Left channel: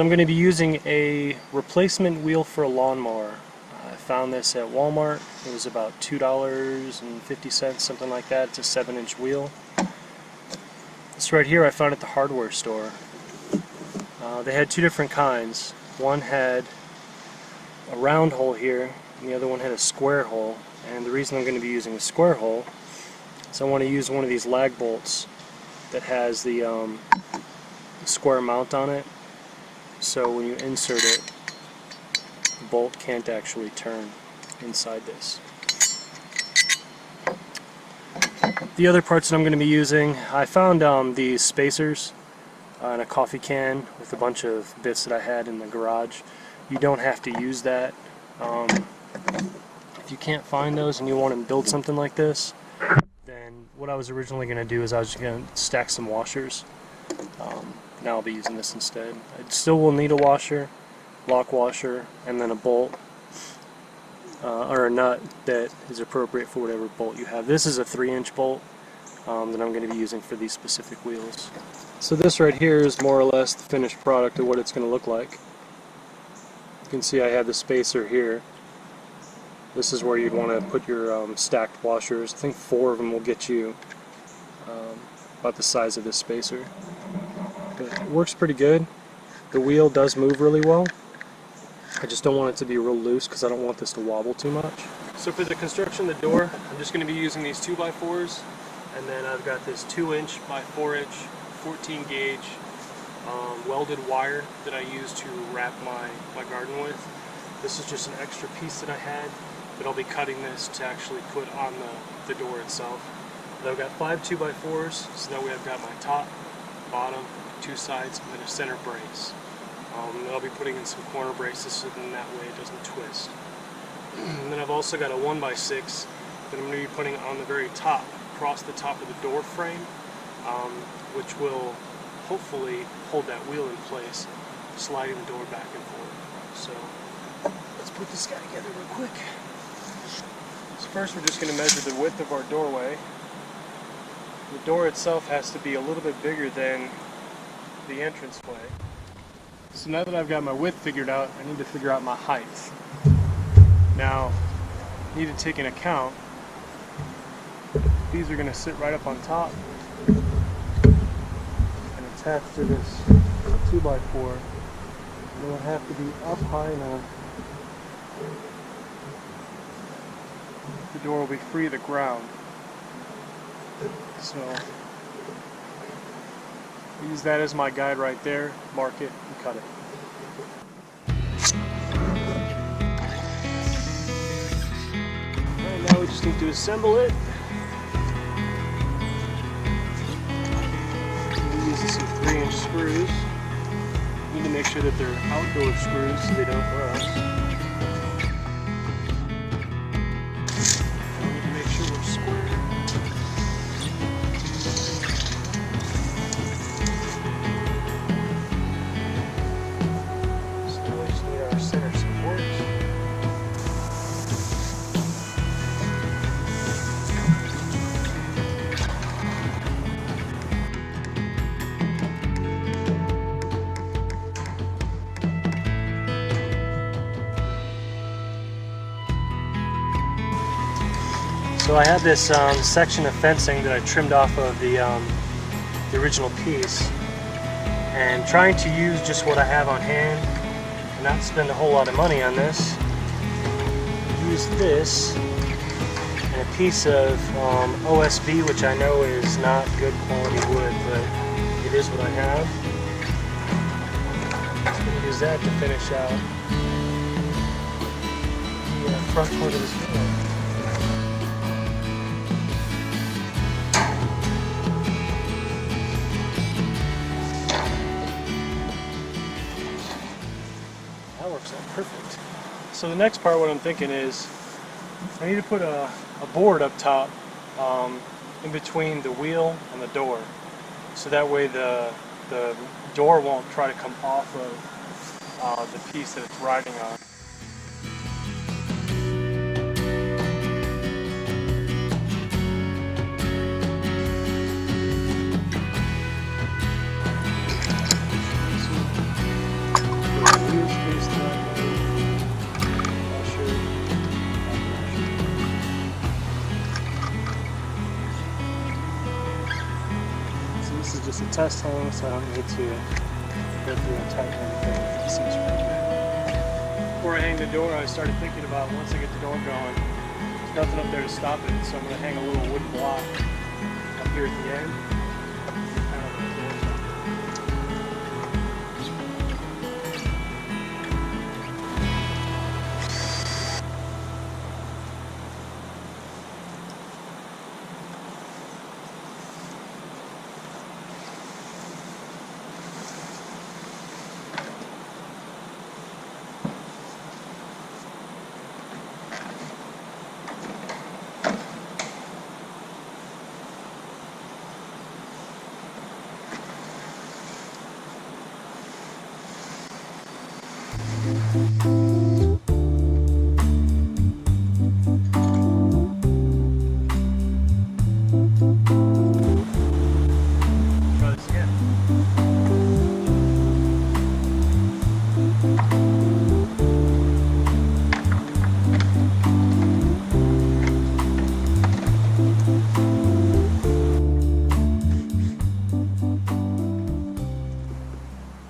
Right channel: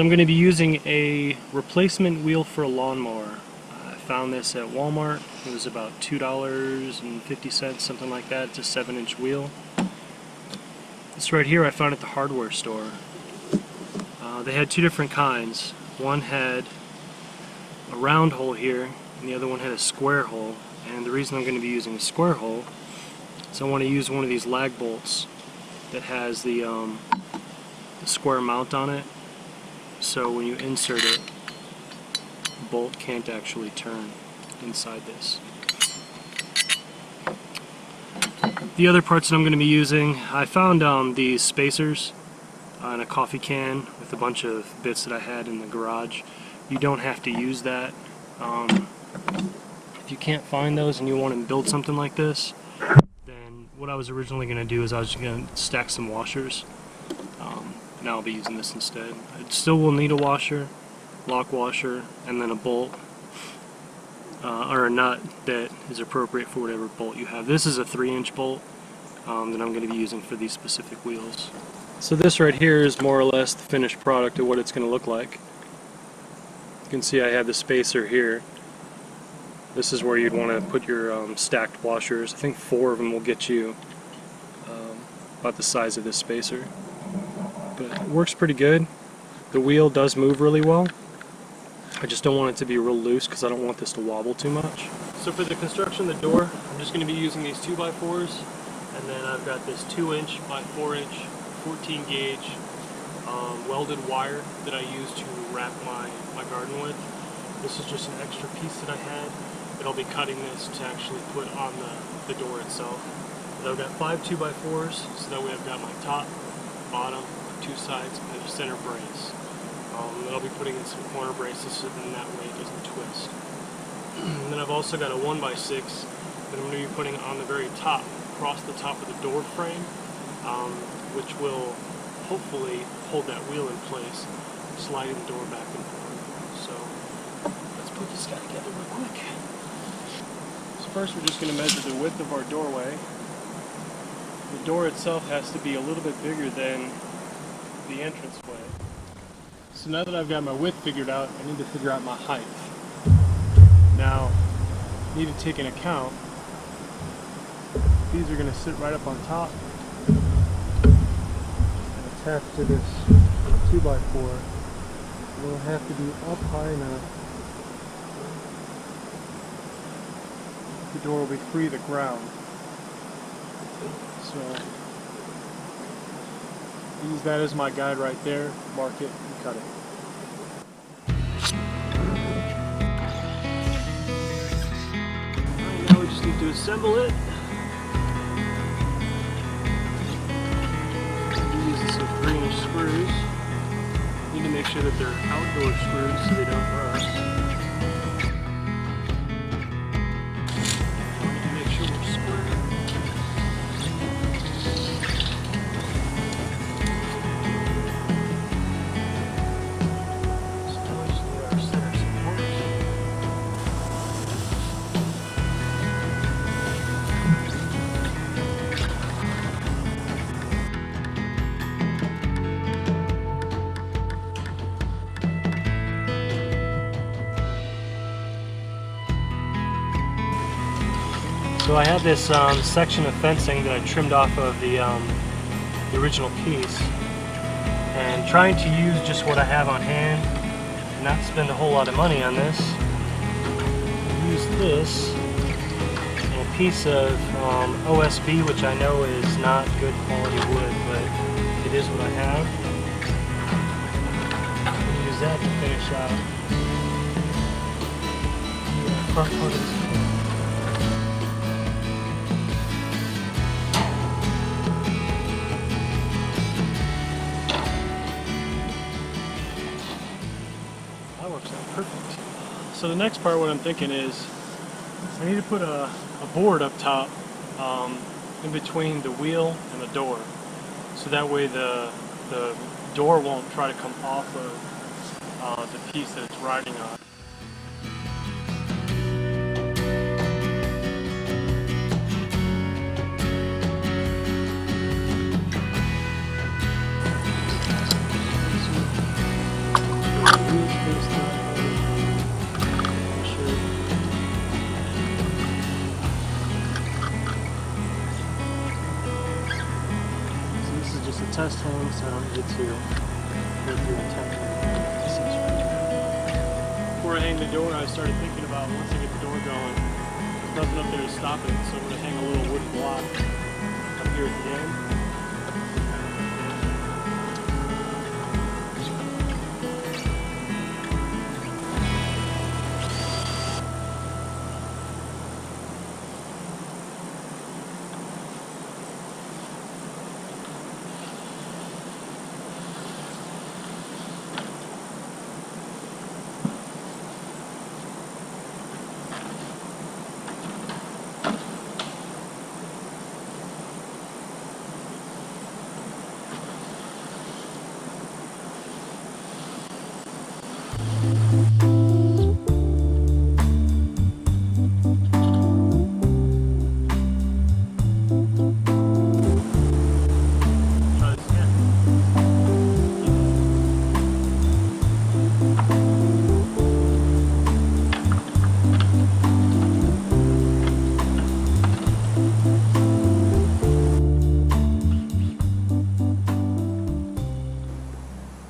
So I'm going to be using a replacement wheel for a lawnmower. I found this at Walmart. It was about $2.50, something like that. It's a 7-inch wheel. This right here I found at the hardware store. They had two different kinds. One had a round hole here, and the other one had a square hole. And the reason I'm going to be using a square hole is I want to use one of these lag bolts that has the square mount on it. So when you insert it, the bolt can't actually turn inside this. The other parts that I'm going to be using, I found these spacers in a coffee can with a bunch of bits that I had in the garage. You don't have to use that. If you can't find those and you want to build something like this, then what I was originally going to do is I was just going to stack some washers. Now I'll be using this instead. I still will need a washer, lock washer, and then a bolt or a nut that is appropriate for whatever bolt you have. This is a 3-inch bolt that I'm going to be using for these specific wheels. So this right here is more or less the finished product of what it's going to look like. You can see I have the spacer here. This is where you'd want to put your stacked washers. I think 4 of them will get you about the size of this spacer. But it works pretty good. The wheel does move really well. I just don't want it to be real loose because I don't want this to wobble too much. So for the construction of the door, I'm just going to be using these 2x4s, and then I've got this 2-inch by 4-inch 14 gauge welded wire that I use to wrap my garden with. This is just an extra piece that I had, but I'll be cutting this to actually put on the door itself. But I've got 5 2x4s, so that way I've got my top, bottom, 2 sides, and then a center brace. And then I'll be putting in some corner braces so then that way it doesn't twist. And then I've also got a 1x6 that I'm going to be putting on the very top, across the top of the door frame, which will hopefully hold that wheel in place, sliding the door back and forth. So let's put this guy together real quick. So first we're just going to measure the width of our doorway. The door itself has to be a little bit bigger than the entranceway. So now that I've got my width figured out, I need to figure out my height. Now, I need to take into account these are going to sit right up on top and attach to this 2x4. They'll have to be up high enough the door will be free of the ground. So I use that as my guide right there, mark it, and cut it. Alright, now we just need to assemble it. We're using some 3-inch screws. Need to make sure that they're outdoor screws so they don't rust. So I had this section of fencing that I trimmed off of the original piece, and trying to use just what I have on hand and not spend a whole lot of money on this, use this and a piece of OSB, which I know is not good quality wood, but it is what I have. I'm going to use that to finish out the front part of this door. Perfect. So the next part, what I'm thinking is I need to put a board up top in between the wheel and the door, so that way the door won't try to come off of the piece that it's riding on. just a test hang, so I don't need to go through and tighten anything. It just seems right now. Before I hang the door, I started thinking about once I get the door going, there's nothing up there to stop it, so I'm going to hang a little wooden block up here at the end.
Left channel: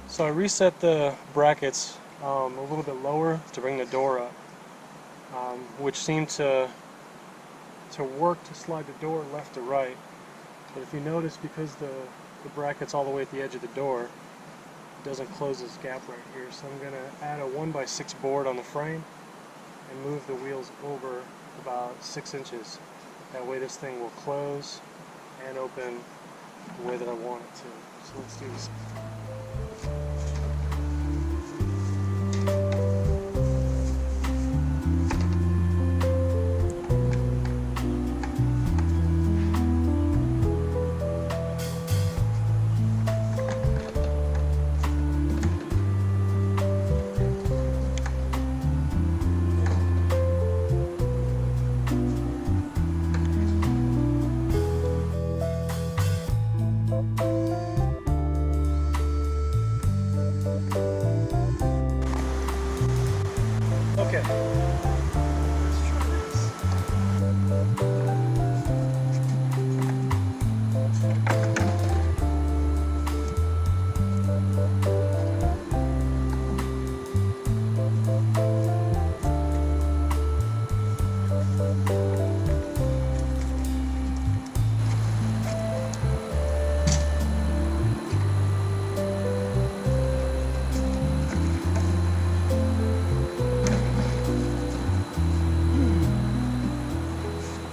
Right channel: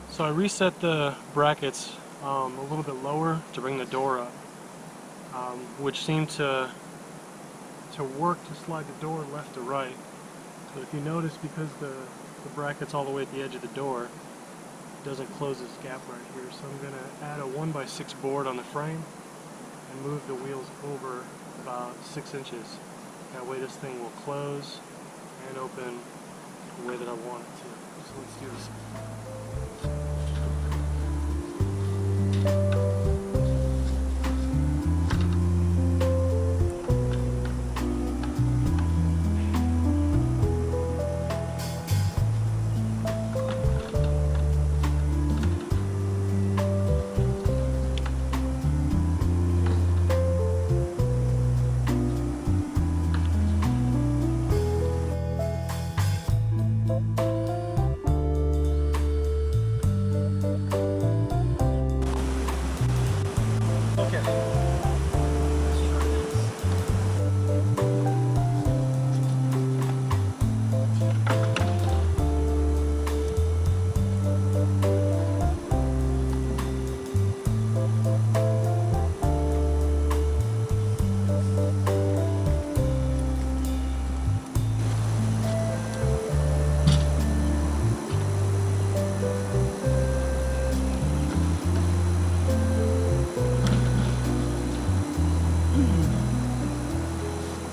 So I reset the brackets a little bit lower to bring the door up, which seemed to work to slide the door left to right. But if you notice, because the bracket's all the way at the edge of the door, it doesn't close this gap right here. So I'm going to add a 1x6 board on the frame and move the wheels over about 6 inches. That way this thing will close and open the way that I want it to. So let's do this. Okay, let's try this.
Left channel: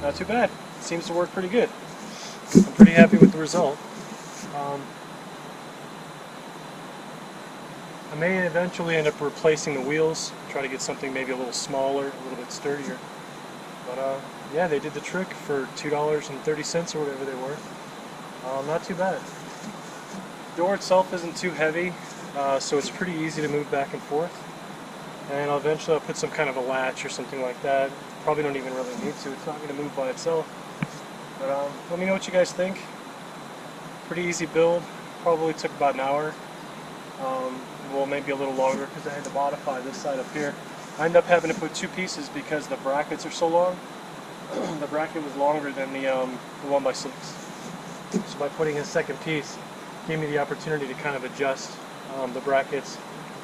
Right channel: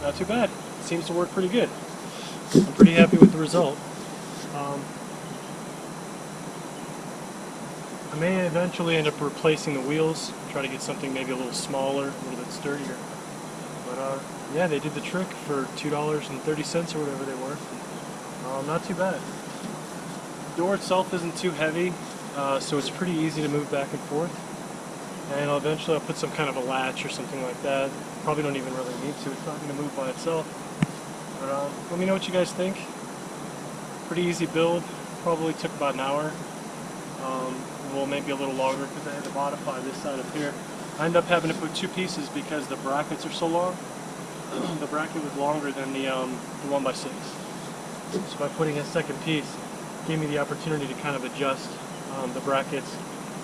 Not too bad. Seems to work pretty good. I'm pretty happy with the result. I may eventually end up replacing the wheels, try to get something maybe a little smaller, a little bit sturdier. But yeah, they did the trick for $2.30 or whatever they were. Not too bad. The door itself isn't too heavy, so it's pretty easy to move back and forth. And eventually I'll put some kind of a latch or something like that. Probably don't even really need to. It's not going to move by itself. But let me know what you guys think. Pretty easy build. Probably took about an hour. Well, maybe a little longer because I had to modify this side up here. I ended up having to put 2 pieces because the brackets are so long. The bracket was longer than the 1x6. So by putting a second piece, gave me the opportunity to kind of adjust the brackets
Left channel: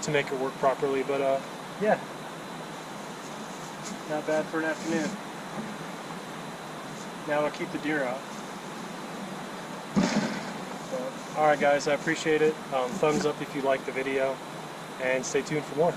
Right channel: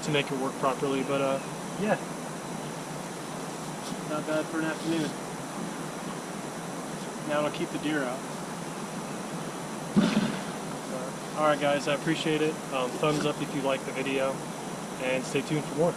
to make it work properly. But yeah, not bad for an afternoon. Now I'll keep the deer out. Alright guys, I appreciate it. Thumbs up if you like the video, and stay tuned for more.